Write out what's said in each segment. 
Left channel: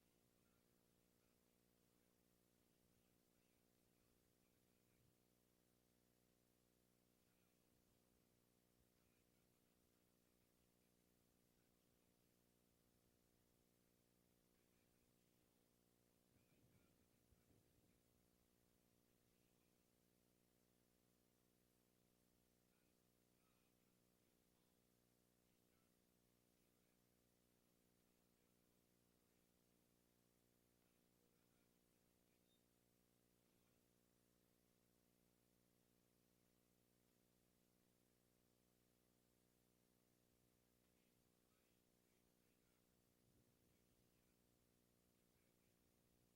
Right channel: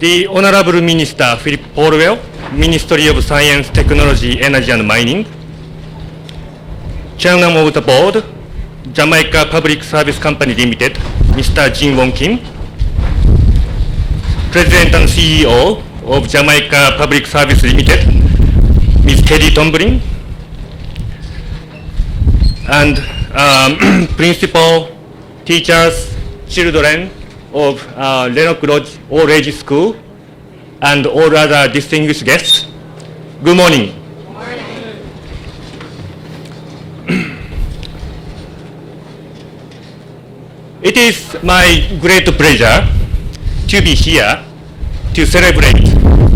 The Honorable Minister Philip Paulwell, Ministry of Science, Technology, Energy and Mining, Chairman of the Board, Jamaica Public Service Company Limited, Mr. Jin Won Kim, President and CEO of Jamaica Public Service Limited, Ms. Teddy Tomblin, and principal, teachers, children of Rennock Lodge All-age School, and all other distinguished guests. Good morning. It is my great pleasure to be here to celebrate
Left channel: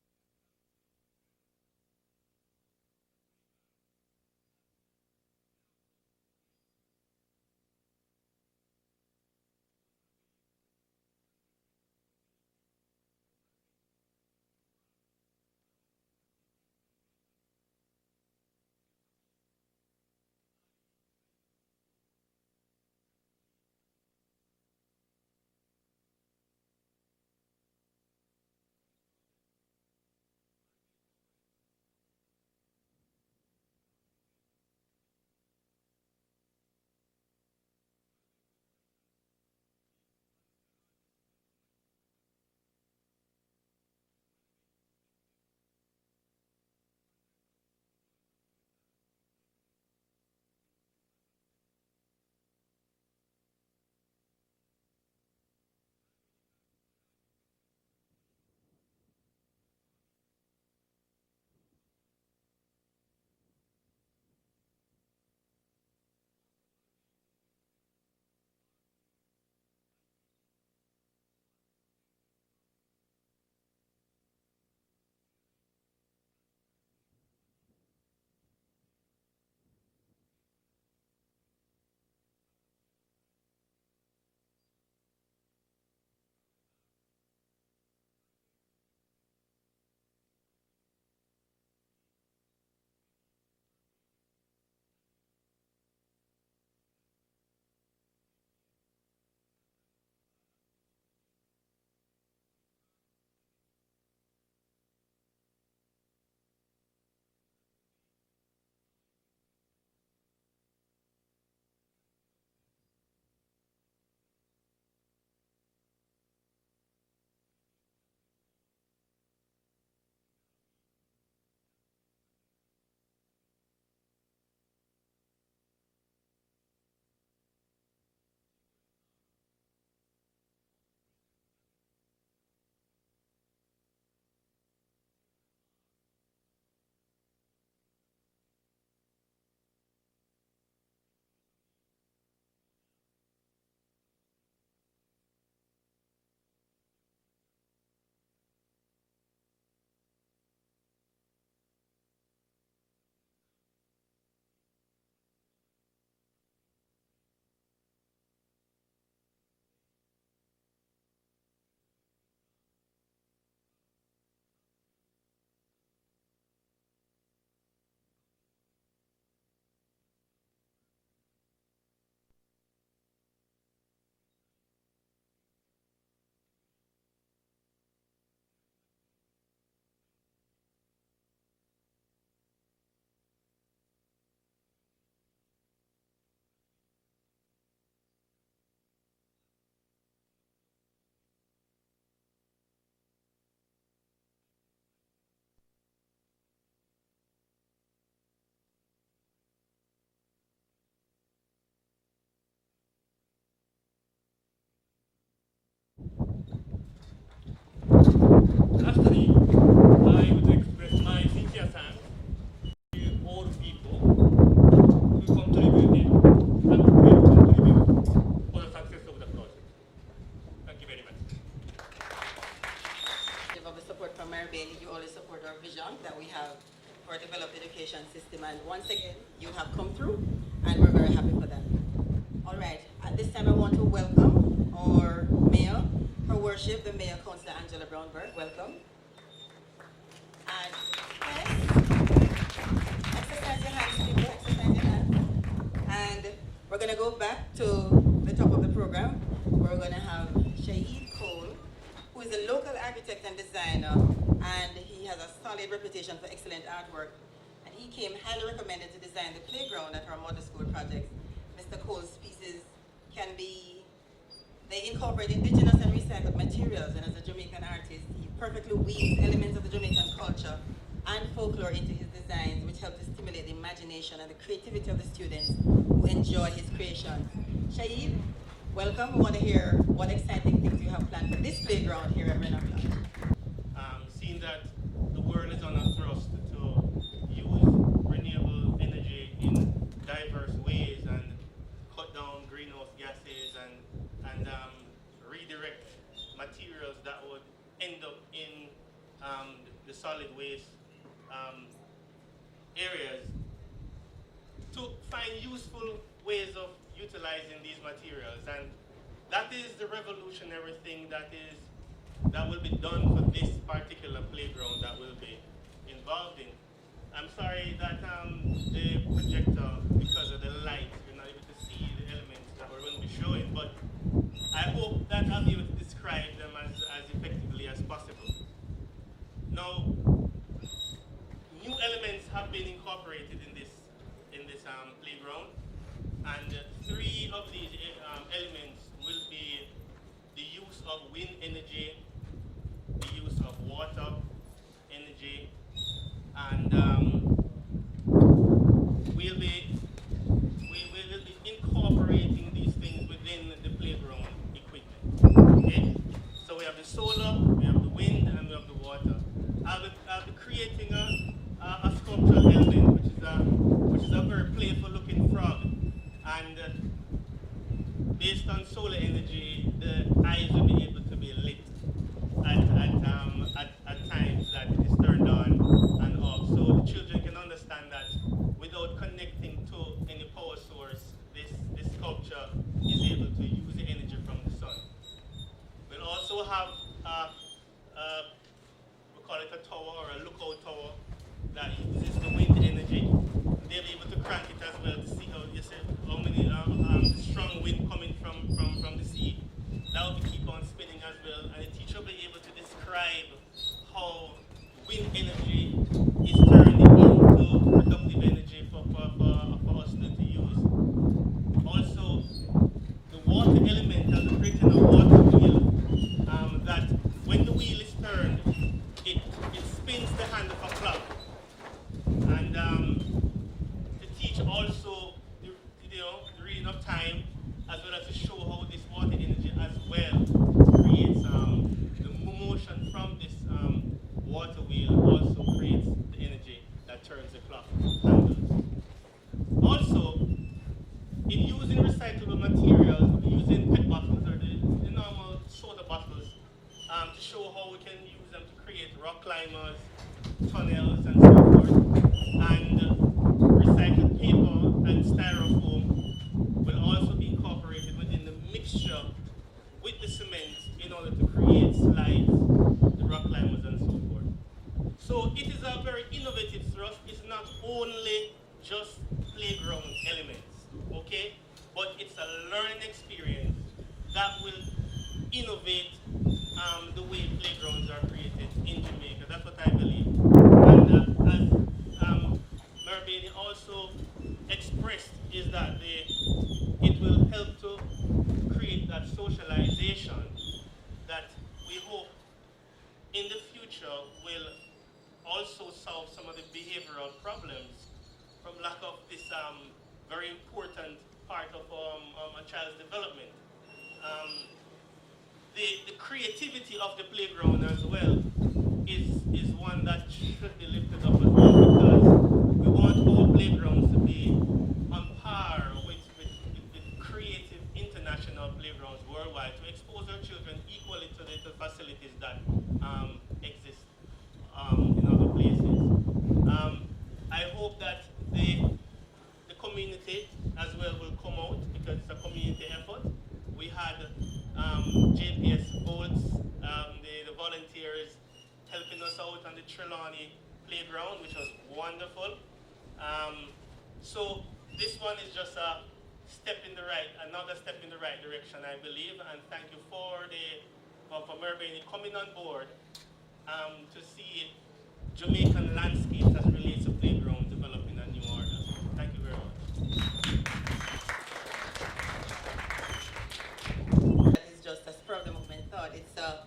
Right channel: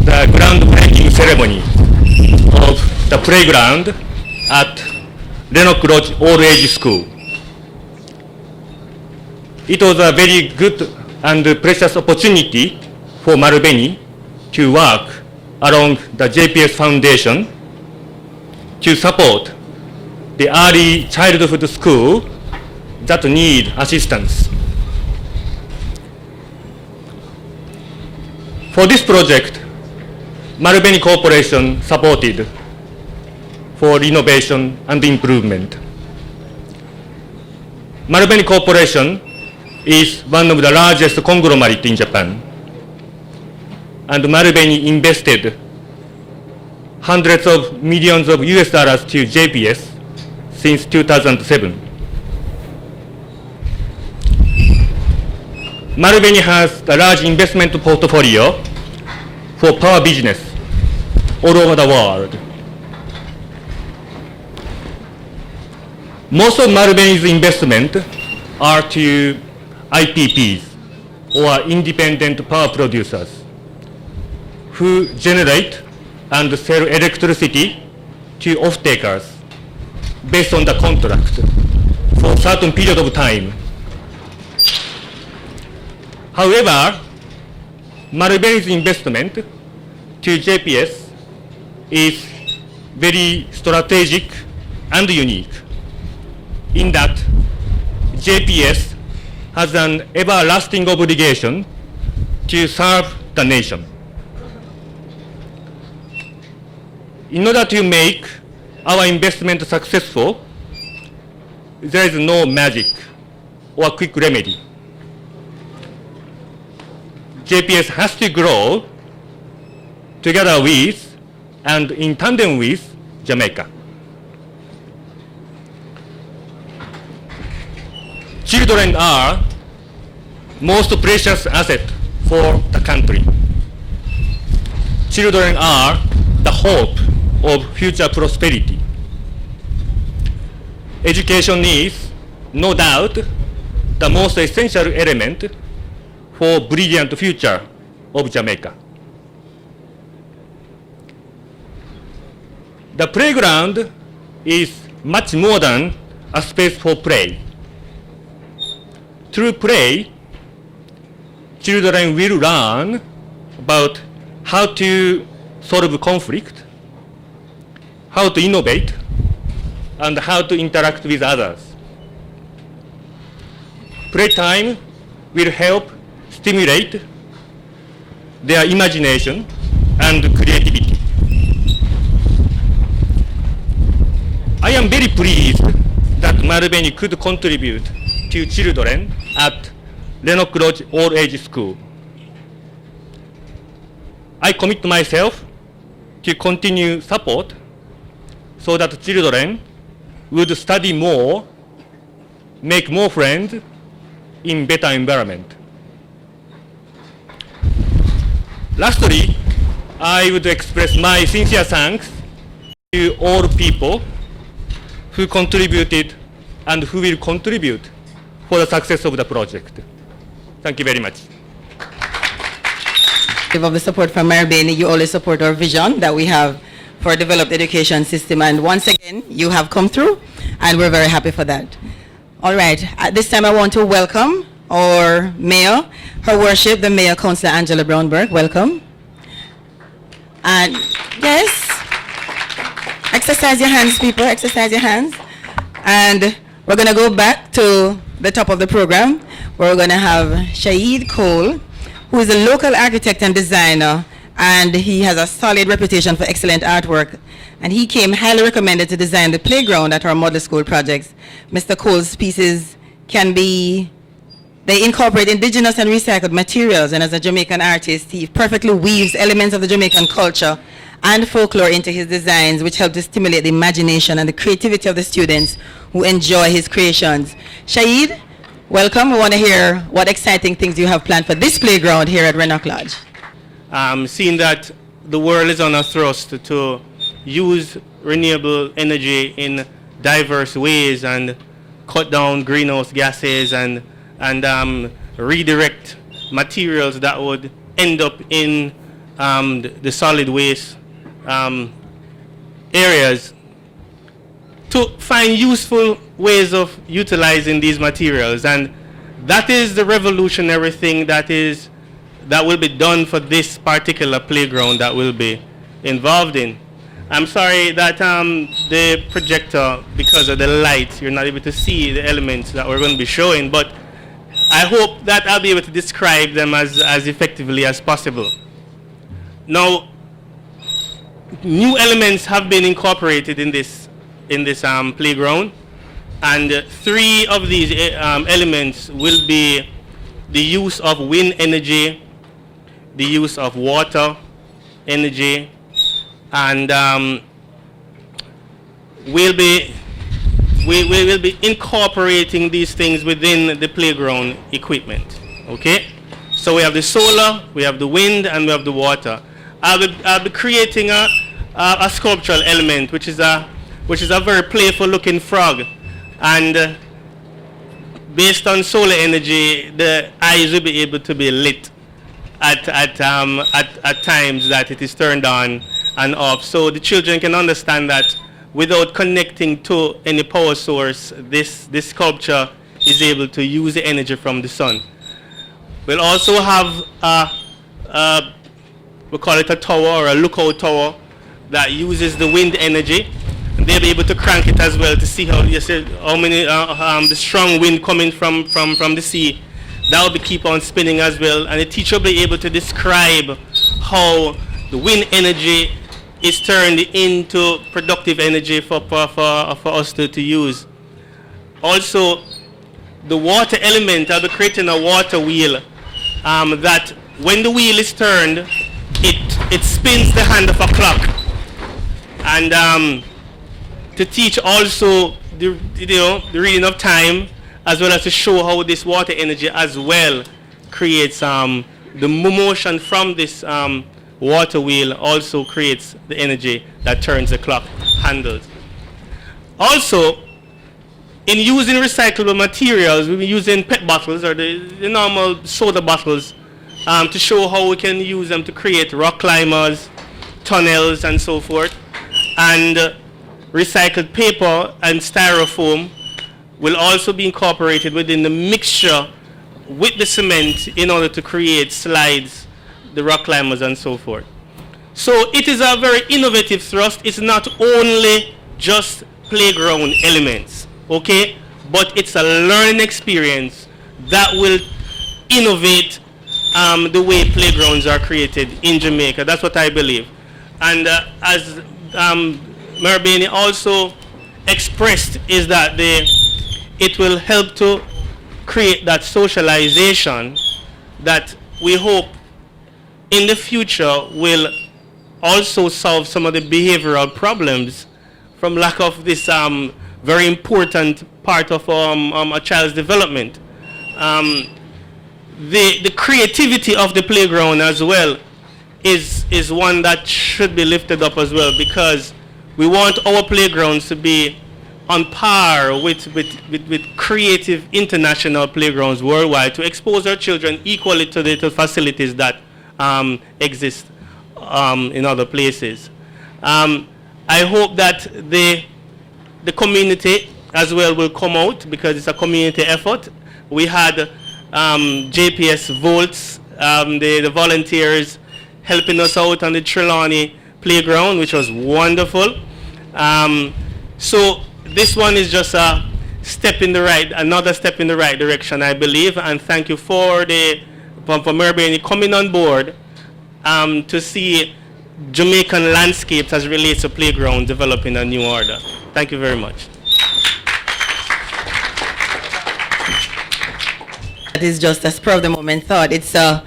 the groundbreaking ceremony of the playground at Rennock Lodge All-age School. It was a very good and precious opportunity for Marubeni to work along the JPS Foundation to support the early childhood school that need assistance. For this project, Marubeni Corporation supported for renovation and improvement. Marubeni Corporation is one of the largest conglomerates in Japan, and Marubeni invested hundreds of millions of US dollars to JPS since 2007. Marubeni has a large investment portfolio for power business all over the world. Most of Marubeni's investment are to IPPs, or independent power producers, who generate and sell electricity to off-takers based on the contract for a certain period of time. However, Marubeni's investment to JPS is very strategic and unique in that JPS has an everlasting obligation to serve the nation. In order to make our investment successful, there is no magic or quick remedy. JPS has to grow together with and in tandem with Jamaica. Children are most precious asset for the country. Children are the hope of future prosperity. Education is, no doubt, the most essential element for brilliant future of Jamaica. The playground is much more than a space for play. Through play, children will learn about how to solve conflict, how to innovate, and how to interact with others. Playtime will help stimulate their imagination and creativity. I am very pleased that Marubeni could contribute to children at Rennock Lodge All-age School. I commit myself to continue support so that children would study more, make more friends in better environment. Lastly, I would express my sincere thanks to all people who contributed and who will contribute for the success of the project. Thank you very much. Of the support from Marubeni, you always support our vision that we have for a developed education system, and once again, you have come through, and we're very happy for that. All right, at this time I want to welcome our Mayor, Her Worship, the Mayor, Councillor Angela Brownberg. Welcome. And yes, exercise your hands, people, exercise your hands. And we're gonna go back to the top of the program, where we're gonna have Shaheed Cole, who is a local architect and designer, and he has a solid reputation for excellent artwork. And he came highly recommended to design the playground at our model school projects. Mr. Cole's pieces they incorporate indigenous and recycled materials, and as a Jamaican artist, he perfectly weaves elements of the Jamaican culture and folklore into his designs, which help to stimulate the imagination and the creativity of the students who enjoy his creations. Shahid, welcome. We want to hear what exciting things you have planned for this playground here at Rennock Lodge. Seeing that the world is on a thrust to use renewable energy in diverse ways and cut down greenhouse gases and redirect materials that would end up in the solid waste areas, to find useful ways of utilizing these materials. And that is the revolutionary thing that will be done for this particular playground that we'll be involved in. I'm sorry that the projector, because of the light, you're not able to see the elements that we're going to be showing, but I hope that I'll be able to describe them as effectively as possible. Now, new elements have been incorporated in this playground, and 3 of these elements will be the use of wind energy, the use of water energy, and we'll be incorporating these things within the playground equipment. Okay, so we have the solar, we have the wind, and we have the water. I'll be creating a sculptural element, which is a very playful looking frog, and based on solar energy, the eyes will be able to be lit at times that it is turned on and off, so the children can understand that without connecting to any power source, this sculpture is able to use the energy from the sun. We'll also have we call it a tower or a lookout tower that uses the wind energy. And they'll be able to crank it as well to see how many the strong wind coming from the sea. That will keep on spinning as well, and the teacher will be able to describe how the wind energy is turned into productive energy for us to use. Also, the water element, I'll be creating a water wheel that when the wheel is turned, it spins the hand of a clock. And to teach also the reading of time, as well as to show how this water energy as well creates the motion from this water wheel also creates the energy that turns the clock handles. Also, in using recyclable materials, we'll be using PET bottles or the normal soda bottles to show how we can use them to create rock climbers, tunnels, and so forth. And recycled paper and styrofoam will also be incorporated within the mixture with the cement in order to create slides, the rock climbers, and so forth. So it is a very innovative thrust. It's not only just playground elements, okay? But it's a learning experience that will innovate the way playgrounds are created in Jamaica. That's what I believe. And as Marabini also expressed, is that it will help to create that socialization that we hope in the future will also solve some of the behavioral problems from lack of this very important part of a child's development. The creativity of the playground as well is one that should be lifted up as well, because we want our playgrounds to be on par with creative international playgrounds worldwide, to expose our children equally to the facilities that exist in other places. I hope that the community as well will come out, because it's a community effort. We had JPS Volts, the volunteers helping us out on the Trelawney playground, which was wonderful. So this one is just another step in the right direction, I believe, and thank you for the from Maribeni coming on board to see Jamaican landscapes as relates to playground developing a new order. Thank you very much. That is just a spur of the moment thought. It's a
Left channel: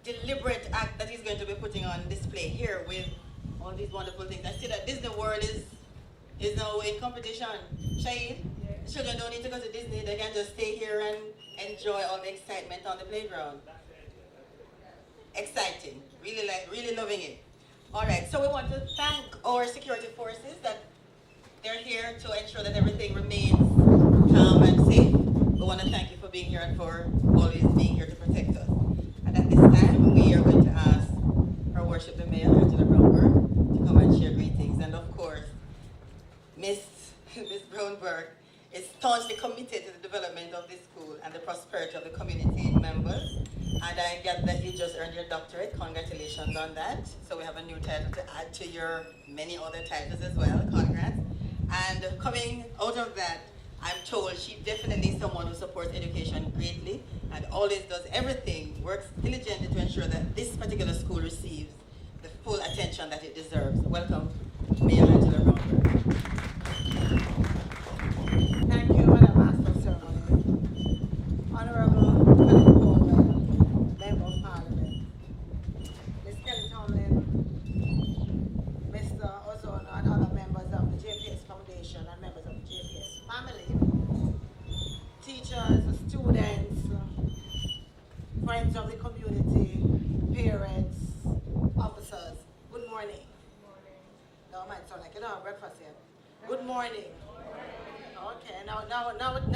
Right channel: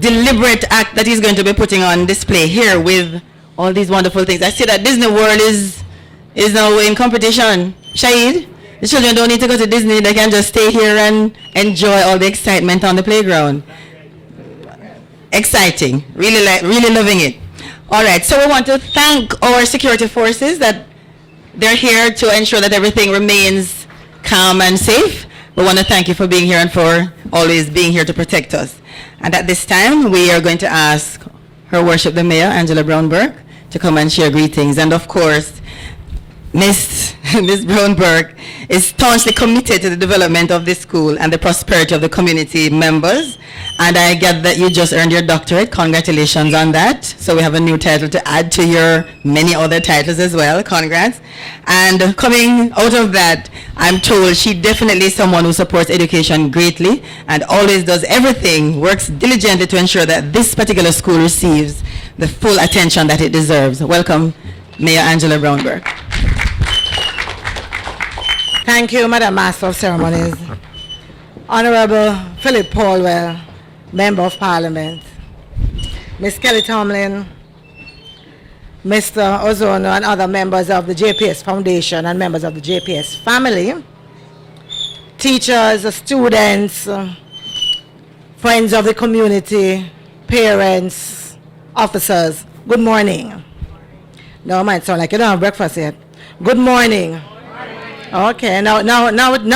deliberate act that he's going to be putting on display here with all these wonderful things. I see that Disney World is now in competition. Shahid, the children don't need to go to Disney. They can just stay here and enjoy all the excitement on the playground. Exciting. Really loving it. All right, so we want to thank our security forces that they're here to ensure that everything remains calm and safe. We want to thank you for being here and for always being here to protect us. And at this time, we are going to ask Her Worship the Mayor, Angela Brown-Burke, to come and share greetings. And of course, Miss Brown-Burke is staunchly committed to the development of this school and the prosperity of the community members. And I get that you just earned your doctorate. Congratulations on that. So we have a new title to add to your many other titles as well. Congrats. And coming out of that, I'm told she definitely is someone who supports education greatly and always does everything, works diligently to ensure that this particular school receives the full attention that it deserves. Welcome, Mayor Angela Brown-Burke. Thank you, Madam Master of Ceremonies. Honorable Philip Paulwell, Member of Parliament, Ms. Kelly Tomlin, Mr. Ozono and other members of the JPS Foundation and members of the JPS family, teachers, students, friends of the community, parents, officers, good morning. No, it might sound like you don't have breakfast yet. Good morning. Okay, now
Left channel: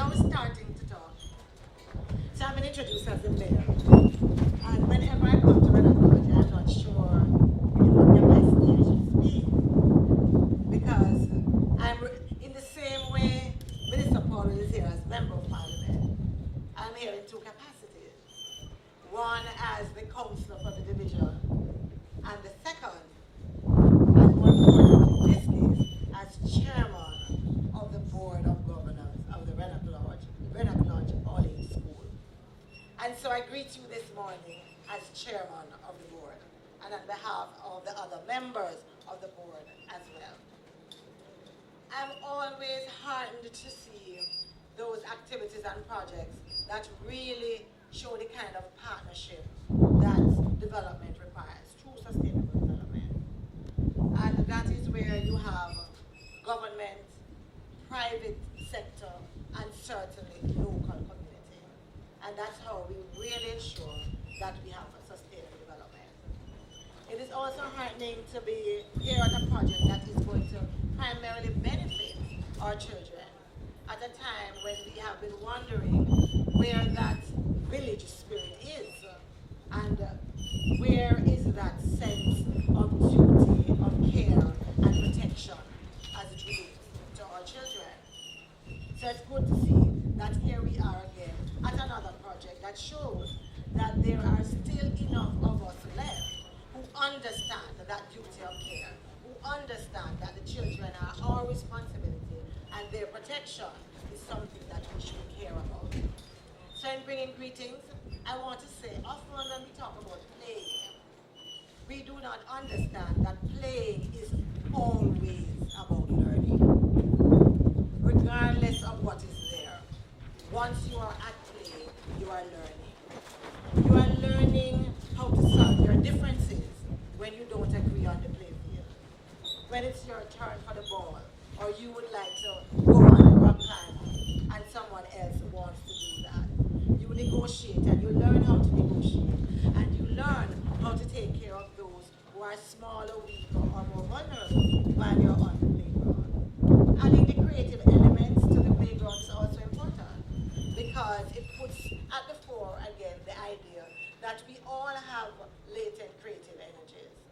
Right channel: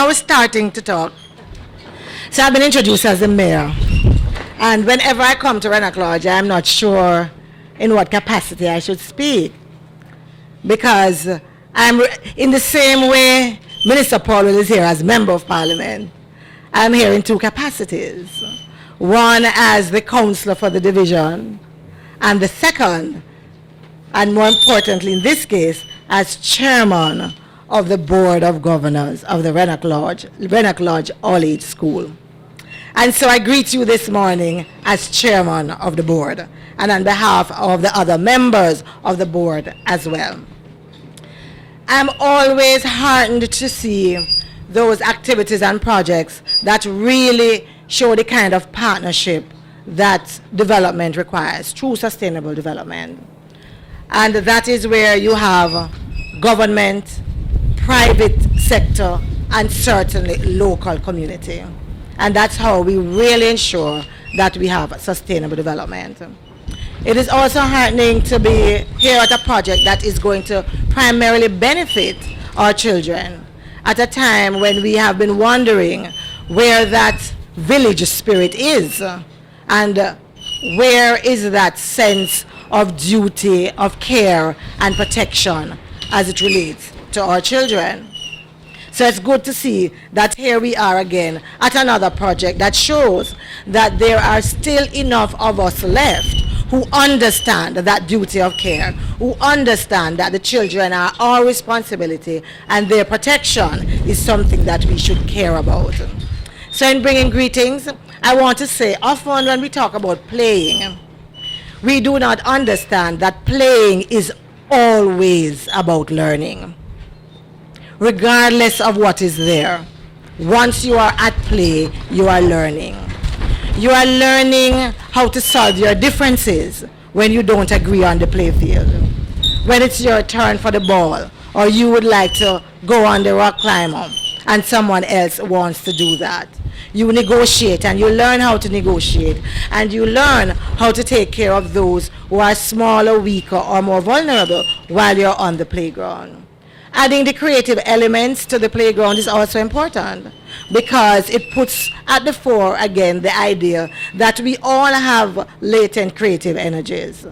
we're starting to talk. So I've been introduced as the mayor. And whenever I come to Rennock Lodge, I'm not sure in what capacity I should speak. Because I'm in the same way Minister Paulwell is here as Member of Parliament. I'm here in two capacities. One as the Councillor for the Division, and the second, and more importantly in this case, as Chairman of the Board of Governors of the Rennock Lodge All-age School. And so I greet you this morning as Chairman of the Board and on behalf of the other members of the Board as well. I'm always heartened to see those activities and projects that really show the kind of partnership that development requires, true sustainable development. And that is where you have government, private sector, and certainly local community. And that's how we really ensure that we have sustainable development. It is also heartening to be here at a project that is going to primarily benefit our children at a time when we have been wondering where that village spirit is and where is that sense of duty, of care and protection as it relates to our children. So it's good to see that here we are again at another project that shows that there are still enough of us left who understand that duty of care, who understand that the children are our responsibility and their protection is something that we should care about. So in bringing greetings, I want to say often when we talk about playing, we do not understand that playing is always about learning. Regardless of what is there, once you are at play, you are learning. You are learning how to solve your differences when you don't agree on the play field. When it's your turn for the ball, or you would like to go on the rock climber, and someone else wants to do that. You negotiate, and you learn how to negotiate, and you learn how to take care of those who are smaller, weaker, or more vulnerable while you're on the playground. Adding the creative elements to the playground is also important because it puts at the fore again the idea that we all have latent creative energies,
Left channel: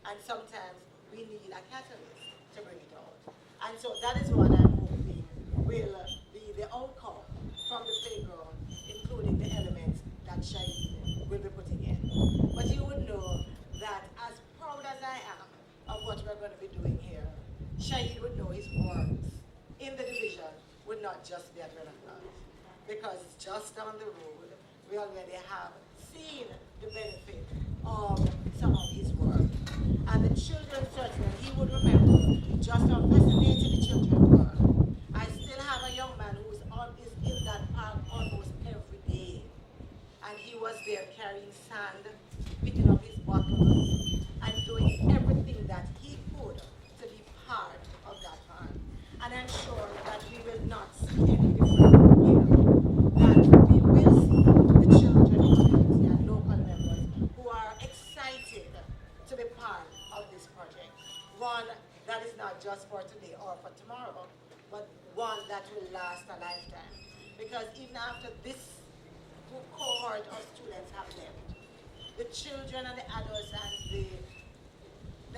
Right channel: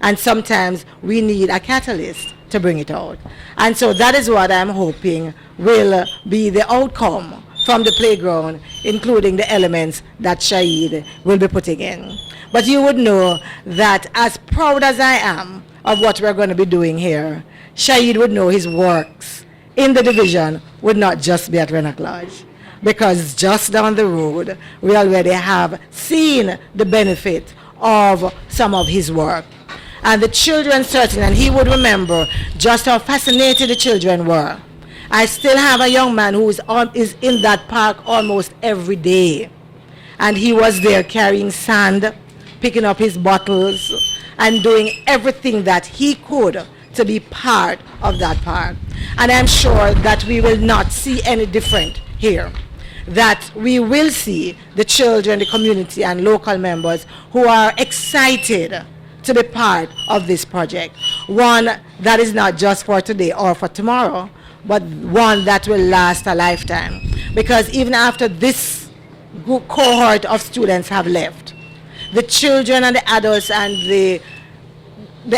and sometimes we need a catalyst to bring it out. And so that is what I'm hoping will be the outcome from the playground, including the elements that Shahid will be putting in. But you would know that as proud as I am of what we're going to be doing here, Shahid would know his works in the division would not just be at Rennock Lodge, because just down the road, we already have seen the benefit of some of his work. And the children certainly, and he would remember just how fascinated the children were. I still have a young man who is in that park almost every day. And he was there carrying sand, picking up his bottles, and doing everything that he could to be part of that park. And I'm sure that we will not see any different here. That we will see the children, the community, and local members who are excited to be part of this project. One that is not just for today or for tomorrow, but one that will last a lifetime. Because even after this cohort of students have left, the children and the adults and the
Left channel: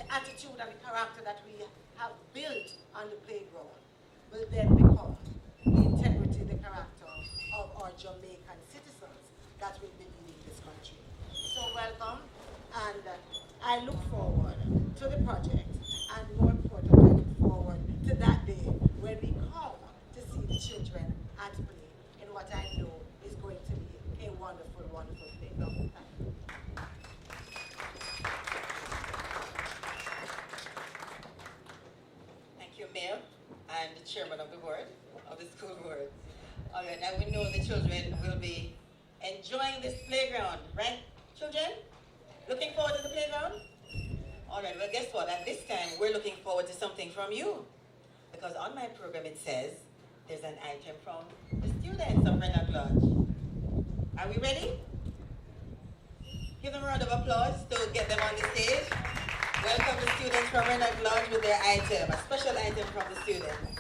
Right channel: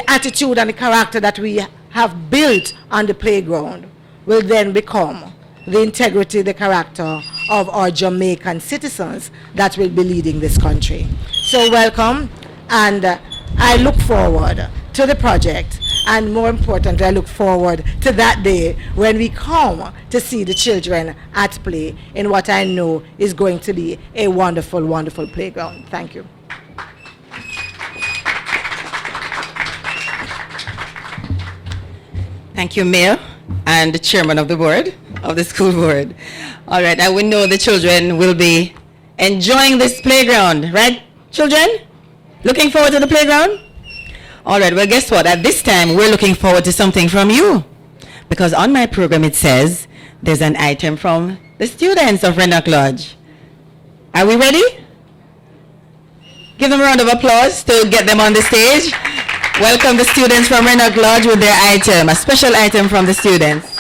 attitude and the character that we have built on the playground will then become the integrity, the character of our Jamaican citizens that will be leading this country. So welcome, and I look forward to the project, and more importantly, I look forward to that day when we come to see the children at play in what I know is going to be a wonderful, wonderful playground. Thank you. Thank you, Mayor, and the chairman of the board, of the school board. All right, and we know the children will be enjoying this playground, right, children? Looking forward to the playground? All right, well, guess what? At this time, we're looking forward to something from you. Because on my program, it says there's an item from the students of Rennock Lodge. Are we ready? Give them a round of applause to get them on the stage. Welcome the students from Rennock Lodge with their item, a special item from the students.